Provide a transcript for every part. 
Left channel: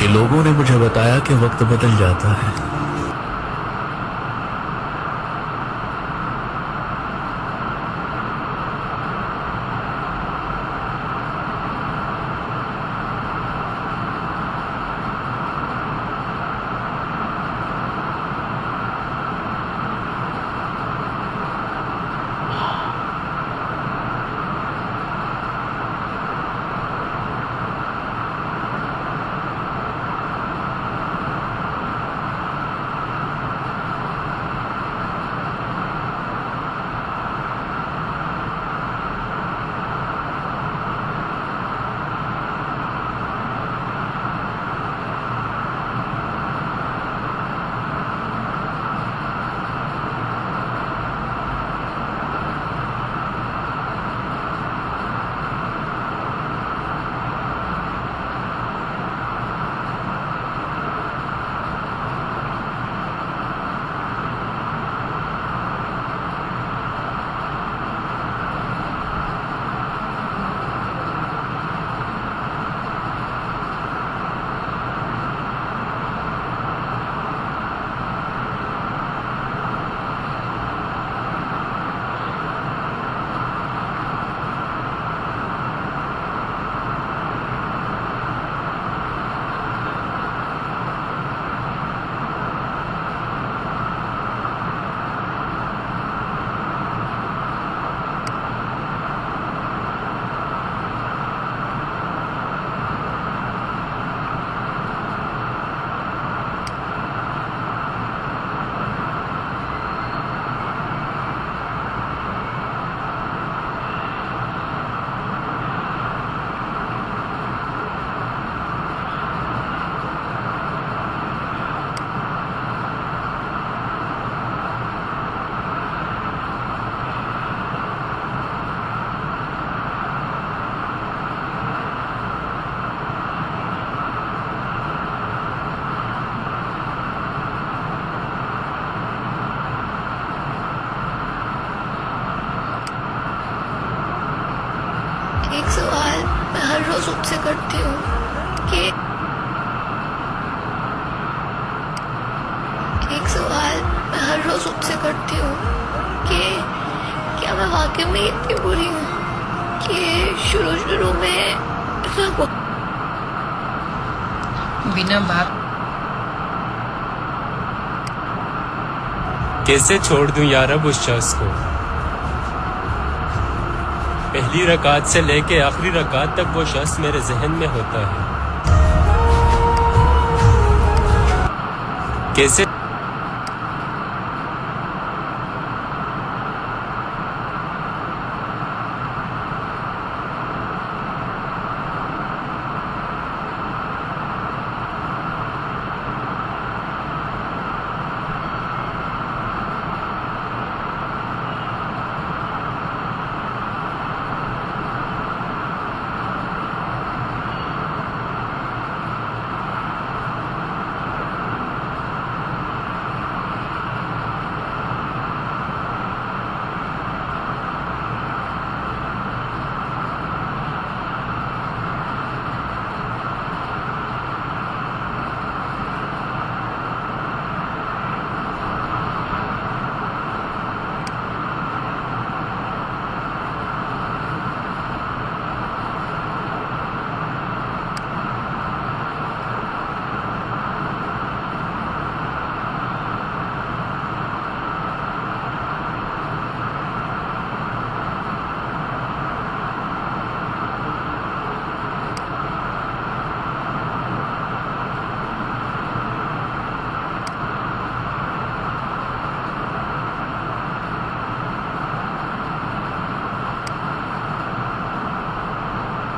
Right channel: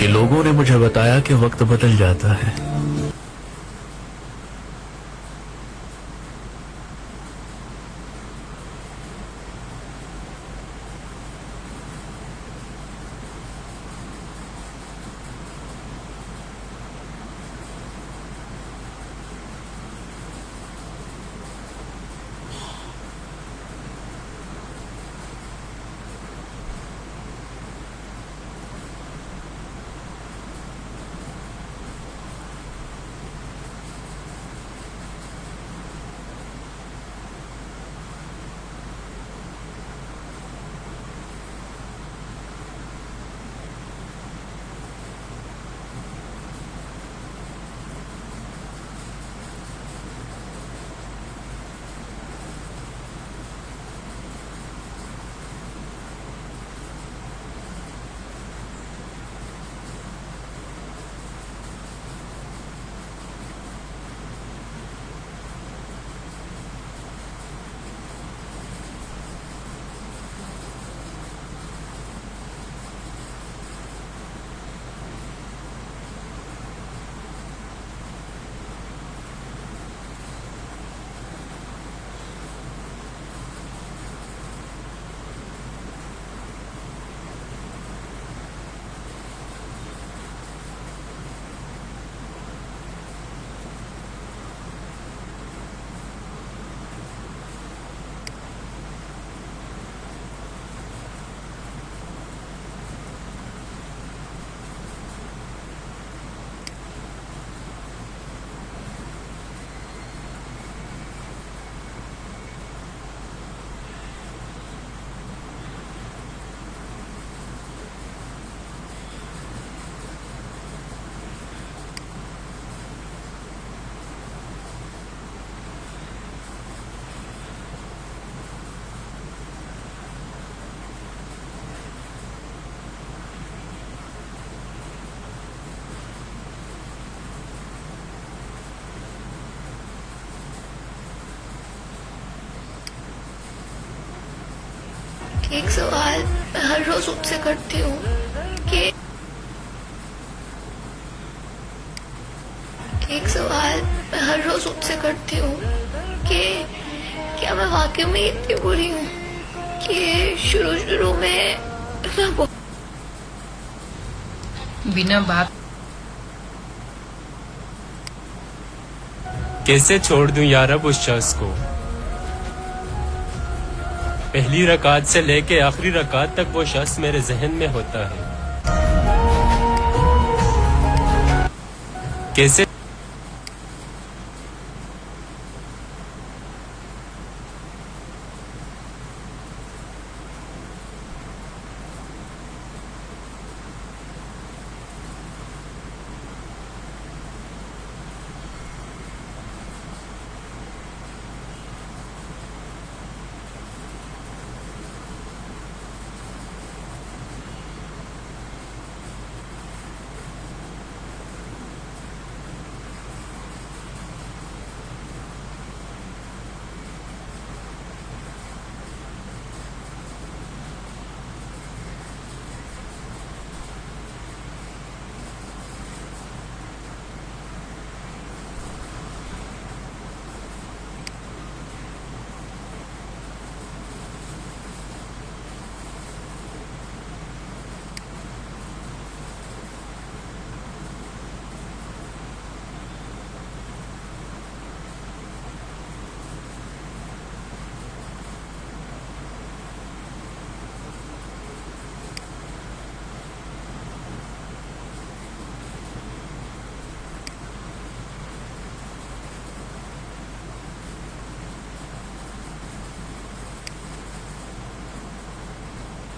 कि लोगों ने मुझे बताया कि वक्त बदल जाता है। एक सवाल मैं हर रोज उससे करती हूँ कि क्या मैं वाकई में इतनी बुरी हूँ कि शुरू में मैं बिना बात कैसे छोड़ दूं यार अब उस शख्स को। पहली रकात से लेके आखिरी रकात तक वो शख्स मेरे जहन में होता है। कैसे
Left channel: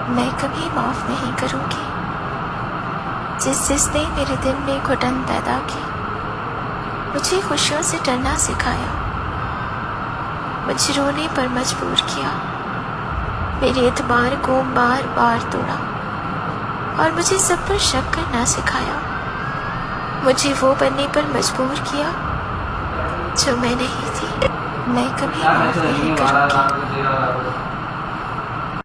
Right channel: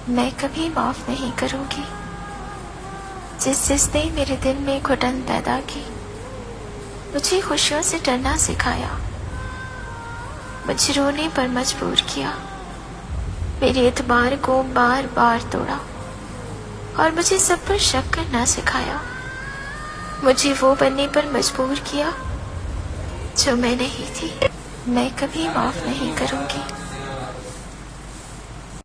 मैं कभी माफ नहीं करूंगी जिसने मेरे दिल में घुटन पैदा की, मुझे खुशियों से डरना सिखाया, मुझे रोने पर मजबूर किया, मेरे एतबार को बार बार तोड़ा और मुझे सब पर शक करना सिखाया, मुझे वो बनने पर मजबूर किया जो मैं नहीं थी। मैं कभी माफ नहीं करूंगी।